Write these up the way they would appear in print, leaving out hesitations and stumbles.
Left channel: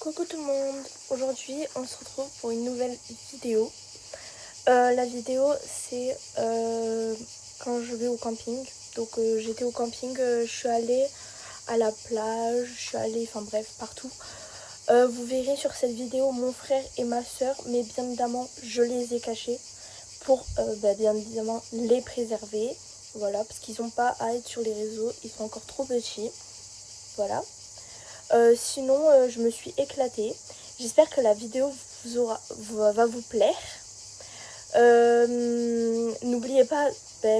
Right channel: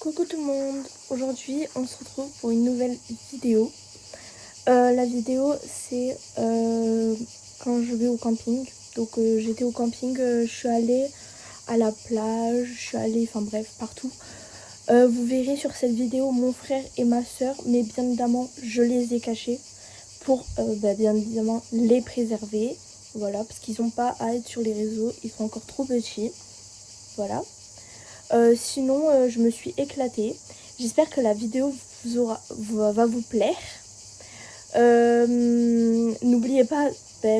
Coucou tout le monde, aujourd'hui on se retrouve pour une nouvelle vidéo. La vidéo c'est quand je vais au camping. Donc j'étais au camping, je suis allée à la plage, je suis allée, enfin bref, partout. Vous verrez sur cette vidéo mon frère et ma soeur, mais bien évidemment je les ai cachés pour bien évidemment les préserver. Voilà, parce qu'ils n'ont pas à être sur les réseaux, ils sont encore trop petits. Voilà. Sinon je me suis éclatée. J'espère que la vidéo va vous plaire. N'oubliez pas,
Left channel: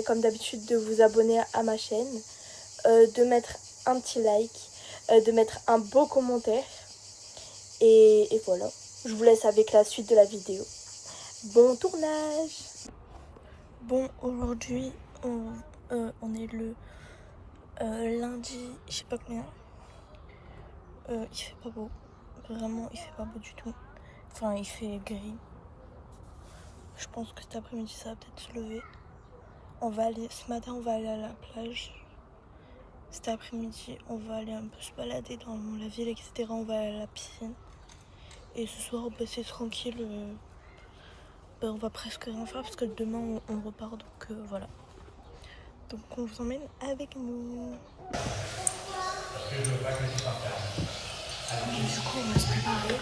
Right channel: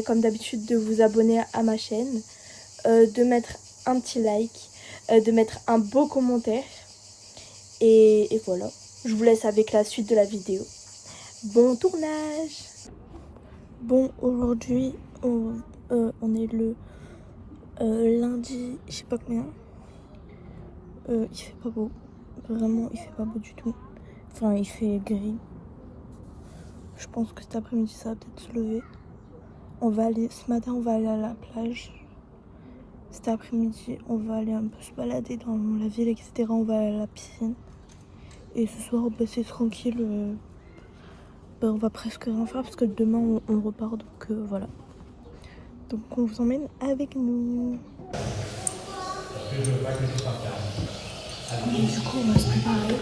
comme d'habitude, de vous abonner à ma chaîne, de mettre un petit like, de mettre un beau commentaire. Et voilà, je vous laisse avec la suite de la vidéo. Bon tournage. Bon, aujourd'hui on est le lundi, je sais pas combien. Il fait pas beau, vraiment il fait pas beau du tout. Enfin il fait gris. Je pense que cet après-midi ça va peut-être se lever. Ce matin on va aller à la plage. Cet après-midi on va aller un peu se balader dans la ville, etc. On va aller à la piscine. Et ce soir c'est tranquille. On va presque rien faire parce que demain on repart, donc voilà. Donc on vous emmène avec nous. Et du coup on va se préparer.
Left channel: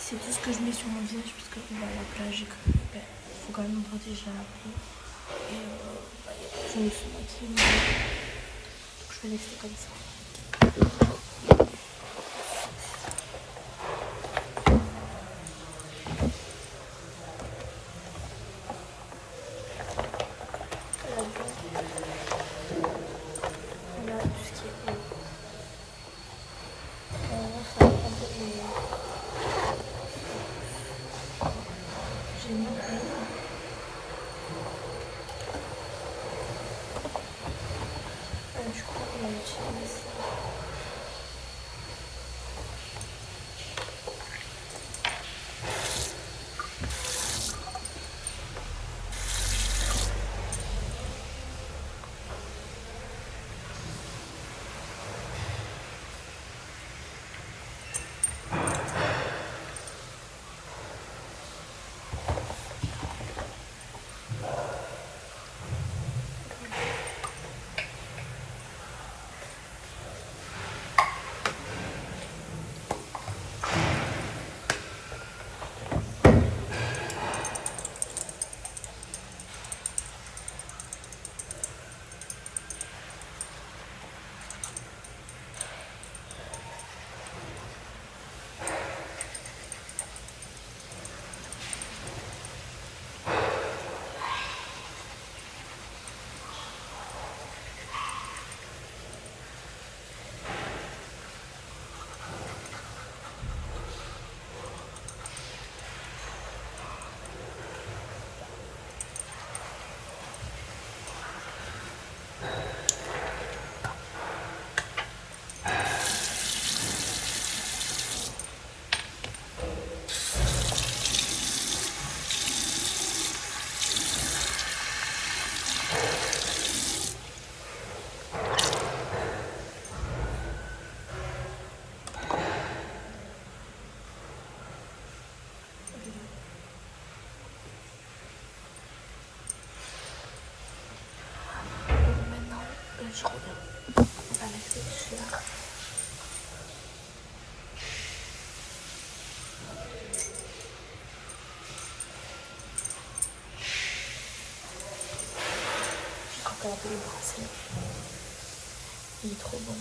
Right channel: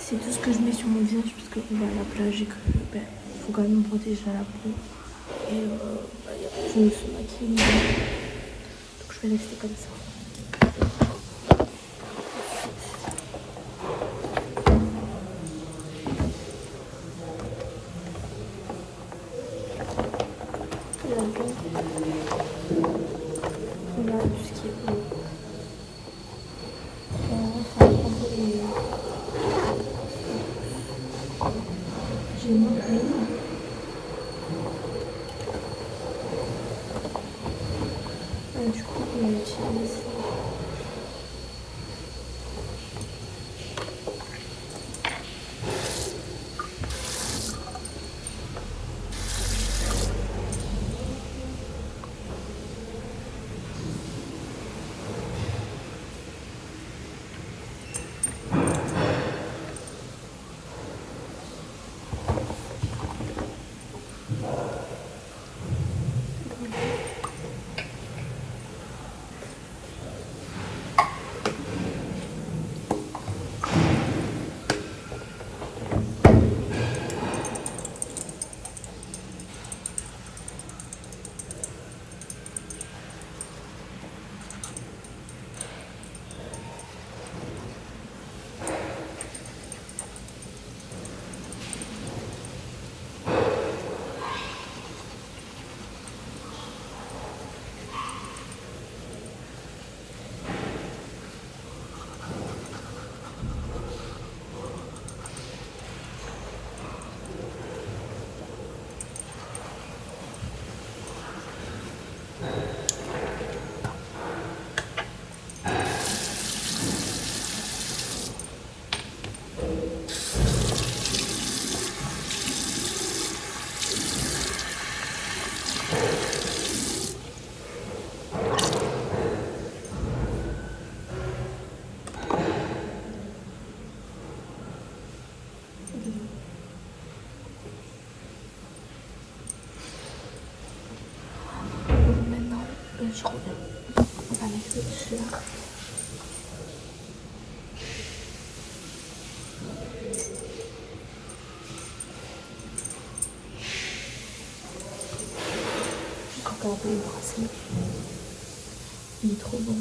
C'est tout ce que je mets sur mon visage parce qu'on va à la plage et que faut quand même protéger la peau. Et je me suis maquillée. Donc je vais rester comme ça. On a tout ce qui est j'ai mis et du coup on utilise crème. Encore un peu le bracelet. Il est trop bon.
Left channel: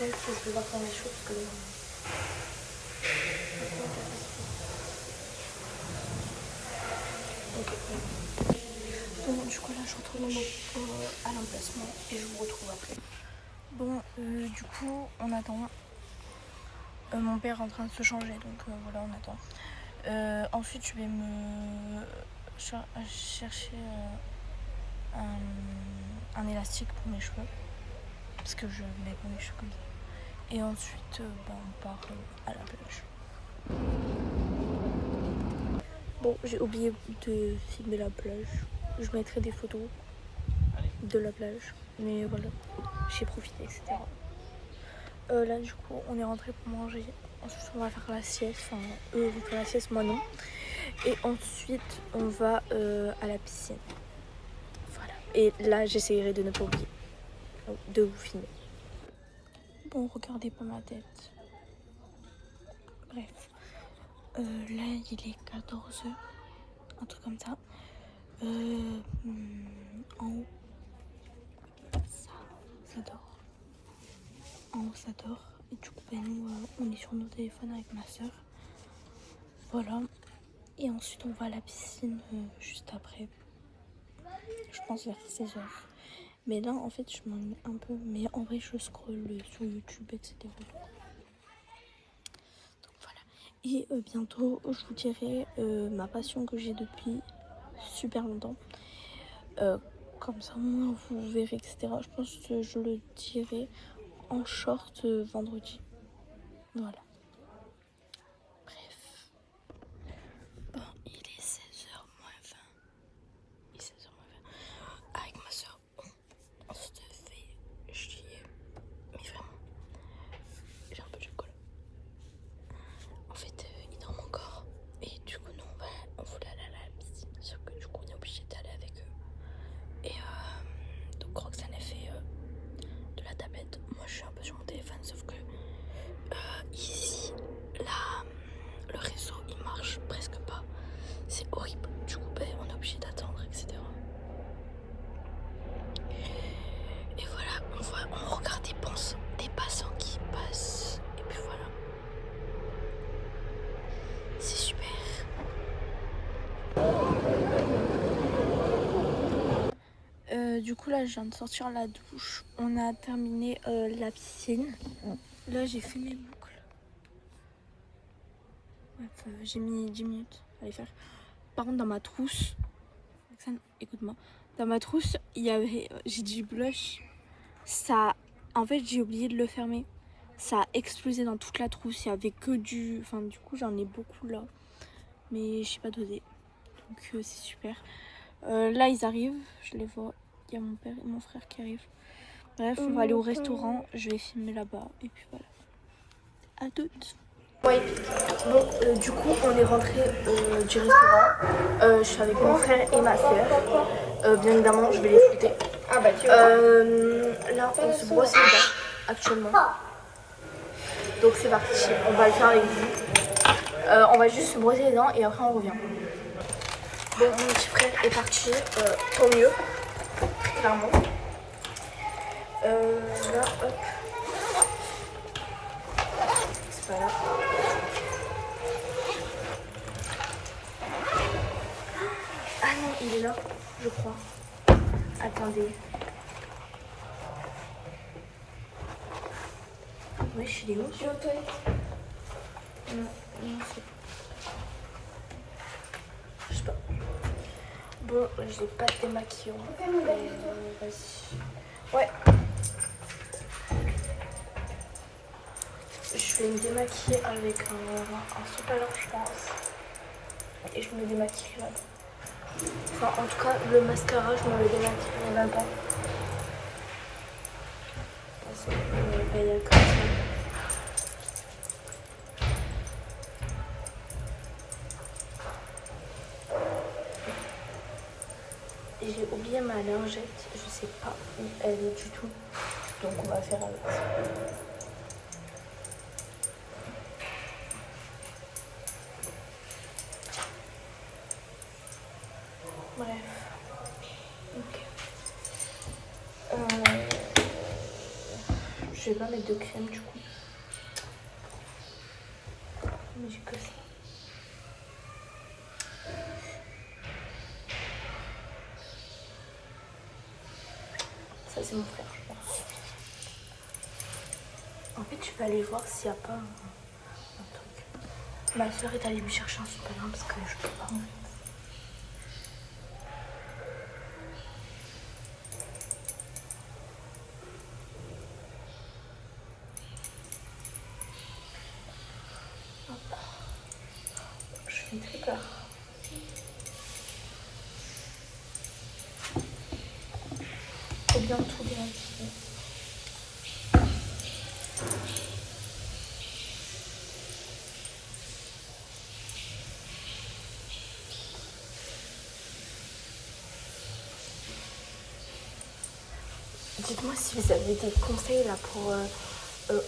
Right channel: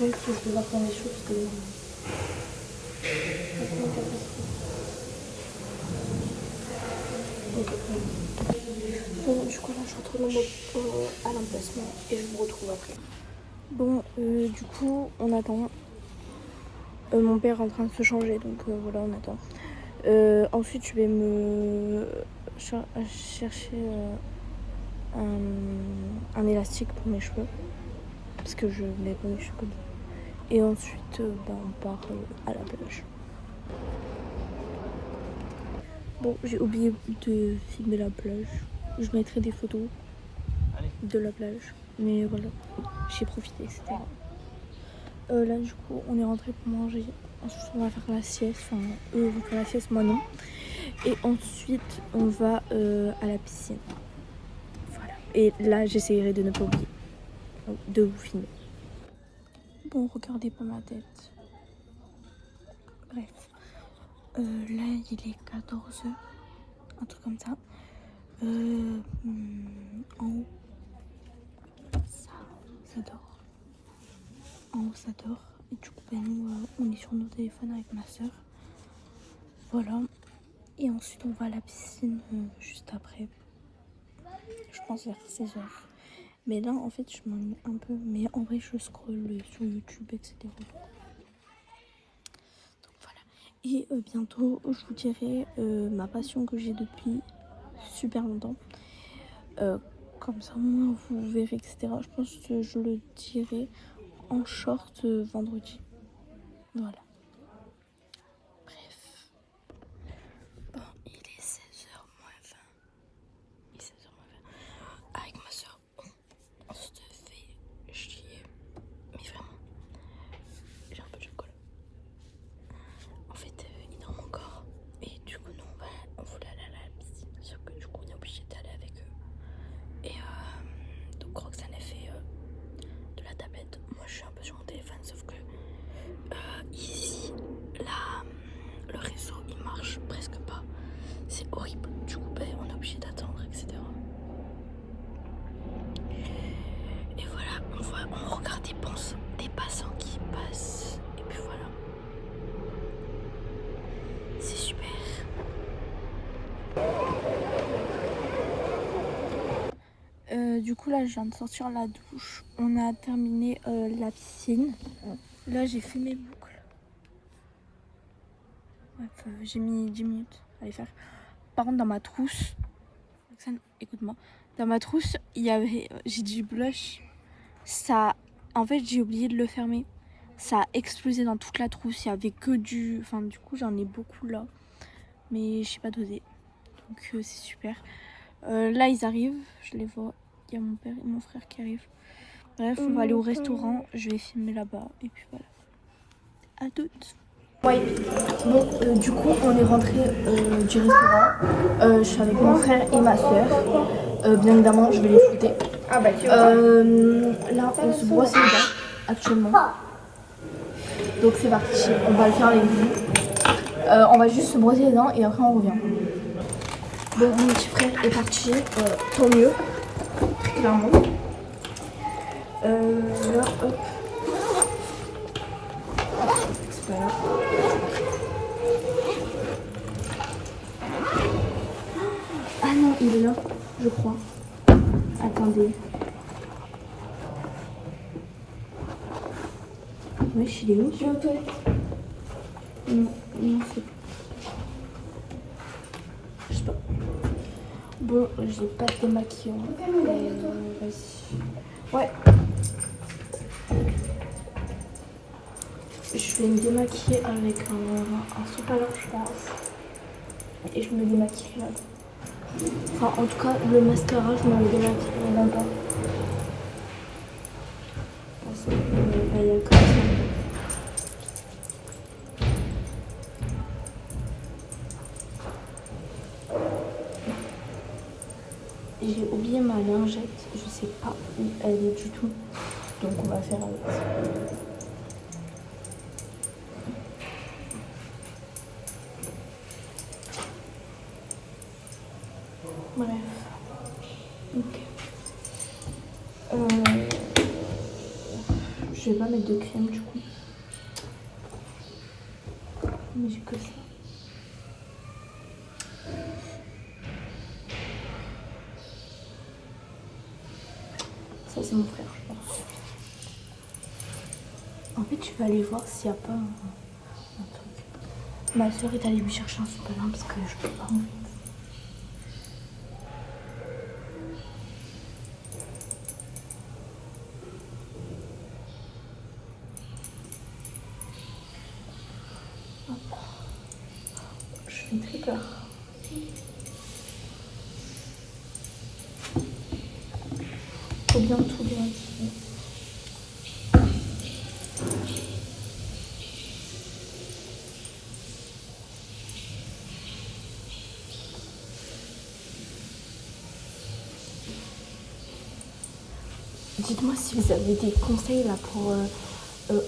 Oui, je vais voir dans les choses parce que... Bon, du coup là je retourne à l'emplacement et je vous retrouve après. Bon, du coup on attend. Mon père est en train de se changer, donc voilà, on attend. Ensuite je vais me chercher un élastique pour mes cheveux. Parce que je mets pas mes cheveux comme ça. Et ensuite on part à la plage. Bon, j'ai oublié de filmer la plage. Je mettrai des photos de la plage. Mais voilà, j'ai profité, etc. Là, du coup, on est rentré pour manger. Ensuite, on va faire la sieste. Enfin, eux vont faire la sieste, moi non. Et ensuite, on va à la piscine. Voilà. Et là, j'essayerai de ne pas oublier de vous filmer. Bon, regardez pas ma tête. Bref. Là, il est 14h. Un truc comme ça. En haut, ça dort. En haut, ça dort. Et du coup, nous, on est sur nos téléphones avec ma soeur. Voilà. Et ensuite, on va à la piscine juste après. Je pense vers 16h. Mais là, en fait, je m'ennuie un peu. Mais en vrai, je scrolle sur YouTube, etc. Donc voilà. Et bientôt, je vous dirai ma passion que j'ai depuis super longtemps. Comme ça, moi, vous verrez, etc. Je pense que je le dirai en short vendredi. Voilà. Bref. Bon, il est 16h moins 20. Il est 16h moins 20. Avec ma soeur, on se fait chier. Mais vraiment, j'ai un peu de chocolat. En fait, il dort encore. Et du coup, nous, on voulait aller à la piscine. Sauf que du coup, on est obligé d'aller avec eux. Et donc, Roxane a fait de la tablette. Moi, je suis un peu sur mon téléphone. Sauf que ici, là, le réseau, il marche presque pas. C'est horrible. Du coup, on est obligé d'attendre, etc. Et voilà, on regarde des passants qui passent. Et puis voilà. C'est super. Du coup, là, je viens de sortir la douche. On a terminé la piscine. Là, j'ai fait mes boucles. Bref, j'ai mis 10 minutes à les faire. Par contre, dans ma trousse, écoute-moi, dans ma trousse, j'ai du blush. Ça, en fait, j'ai oublié de le fermer. Ça a explosé dans toute la trousse. Il y avait que du... Enfin, du coup, j'en ai beaucoup là. Mais je sais pas doser. Donc, c'est super. Là, ils arrivent. Je les vois. Il y a mon père et mon frère qui arrivent. Bref, on va aller au restaurant. Je vais filmer là-bas. Et puis voilà. À toutes. Oui. Bon, du coup, on est rentré du restaurant. Je suis avec mon frère et ma soeur. Bien évidemment, je vais les flouter. Ah bah là, on se brosse les dents actuellement. Donc c'est parti, on va le faire avec vous. On va juste se brosser les dents et après on revient. Bon, mon petit frère est parti, tant mieux. Clairement. Là, hop. C'est pas grave. Ah non, il est là, je crois. Attendez. Wesh, il est où? Il est aux toilettes. Non, c'est... Je sais pas. Bon, j'ai pas de démaquillant. Vas-y. Ouais. Je Je vais me démaquiller avec un sous-palette, je pense. Et je me démaquille. Enfin, en tout cas, le mascara, je me le démaquille même pas. C'est comme ça. J'ai oublié ma lingette, je sais pas où elle est du tout. Donc on va faire avec. Bref. Ok. Je vais pas mettre de crème du coup. Mais j'ai que ça. Ça c'est mon frère, je pense. En fait, je vais aller voir s'il n'y a pas un truc. Ma soeur est allée lui chercher un supplément parce que je peux pas m'ouvrir. Je fais très peur. Faut bien tout démaquiller. Dites-moi si vous avez des conseils là pour ou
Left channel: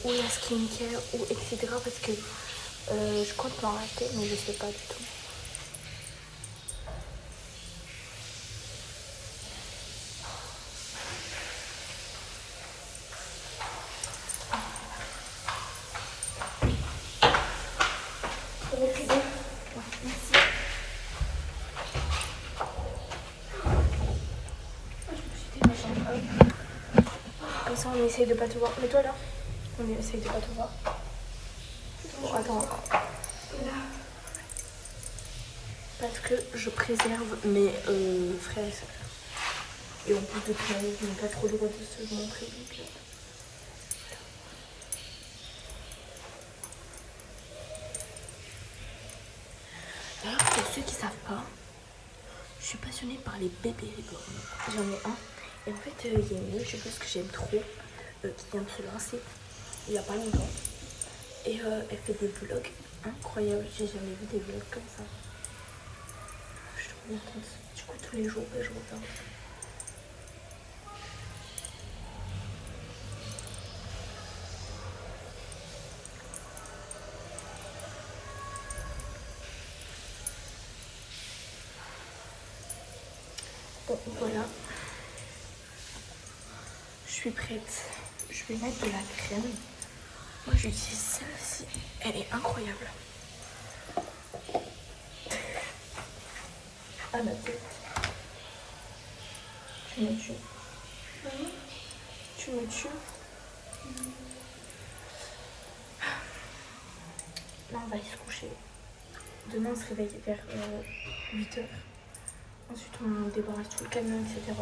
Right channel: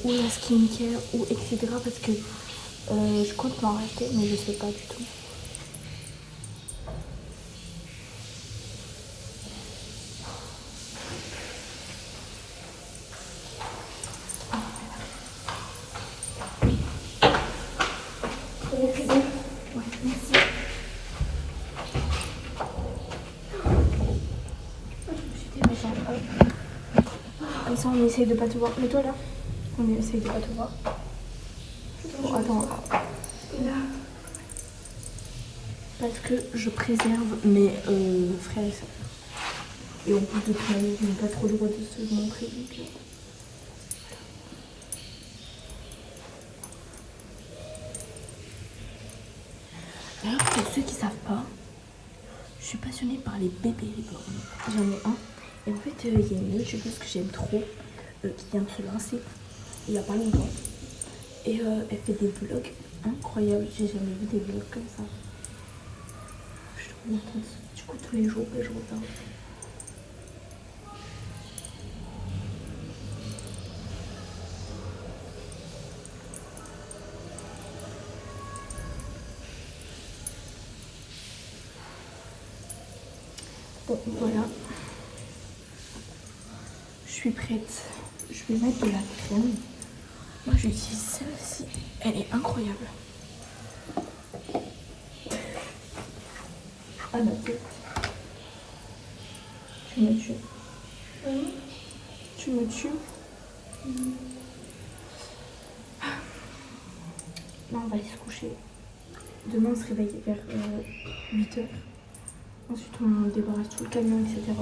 la skincare ou etc. Parce que je compte m'en racheter mais je sais pas du tout. Ouais, merci. Comme ça on essaye de pas te voir. Mais toi là, on essaye de pas te voir. Attends. Parce que je préserve mes frères et sœurs. Et en plus de tout, ils n'ont pas trop le droit de se montrer. Donc... Alors pour ceux qui savent pas, je suis passionnée par les bébés reborn. J'en ai un. Et en fait, il y a une youtubeuse que j'aime trop qui vient de se lancer il n'y a pas longtemps. Et elle fait des vlogs incroyables. J'ai jamais vu des vlogs comme ça. Je suis trop contente. Du coup, tous les jours, je regarde. Donc voilà. Je suis prête. Je vais mettre de la crème. Moi, j'utilise celle-ci. Elle est incroyable. Ah ma tête. Tu me tues. Tu me tues. Non, on va aller se coucher. Demain, on se réveille vers 8h. Ensuite, on débarrasse tout le camion, etc.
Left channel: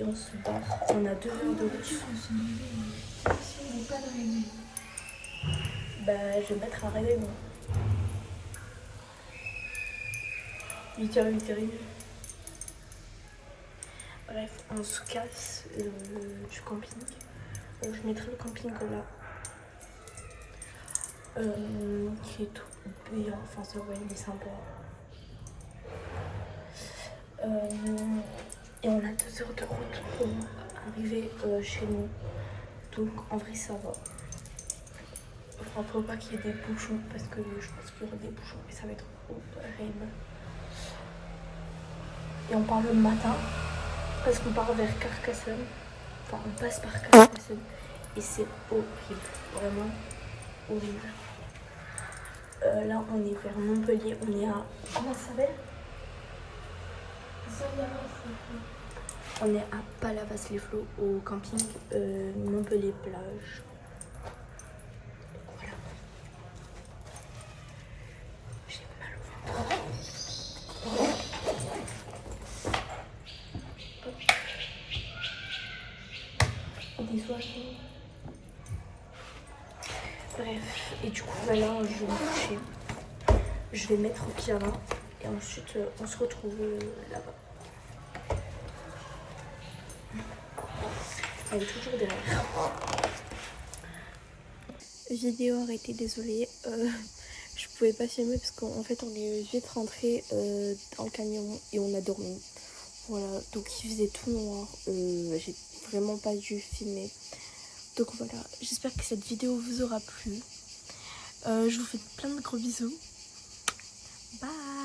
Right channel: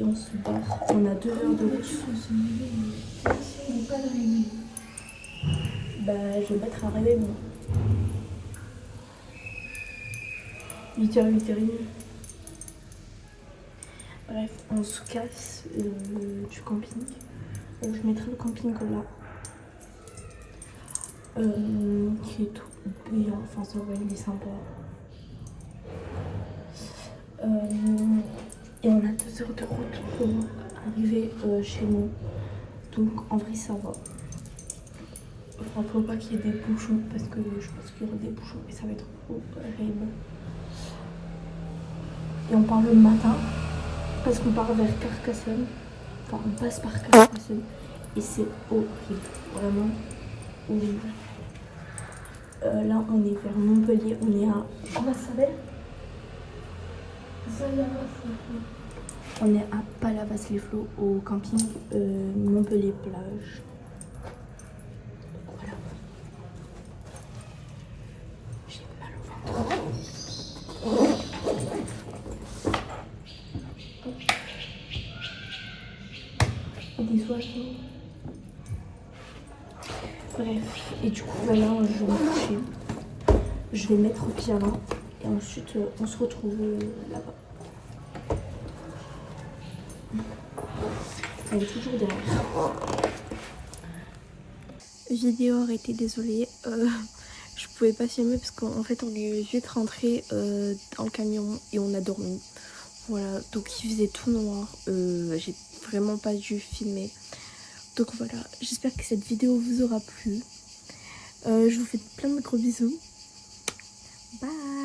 Et on se barre. On a 2 heures de route. Bah, je vais mettre un réveil. 8h, 8h30. Bref, on se casse du camping. Je mettrai le camping là. Qui est tout bien. Enfin, ça va, il est sympa. Et on a 2 heures de route pour arriver chez nous. Donc en vrai ça va. Enfin, faut pas qu'il y ait des bouchons parce que je pense qu'il y aura des bouchons et ça va être horrible. Et on part le matin parce qu'on part vers Carcassonne. Enfin, on passe par Carcassonne et c'est horrible. Vraiment horrible. Là on est vers Montpellier. On est à... Comment ça s'appelle ? On est à Palavas-les-Flots au camping Montpellier-Plage. Voilà. J'ai mal au ventre. Des oiseaux. Bref, et vais mettre au pyjama et ensuite on se retrouve là-bas. Elle est toujours derrière. J'ai dit arrêtez, désolée. Je pouvais pas filmer parce qu'en fait on est vite rentré dans le camion et on a dormi. Voilà, donc il faisait tout noir. J'ai vraiment pas dû filmer. Donc voilà, j'espère que cette vidéo vous aura plu. Je vous fais plein de gros bisous. Bye.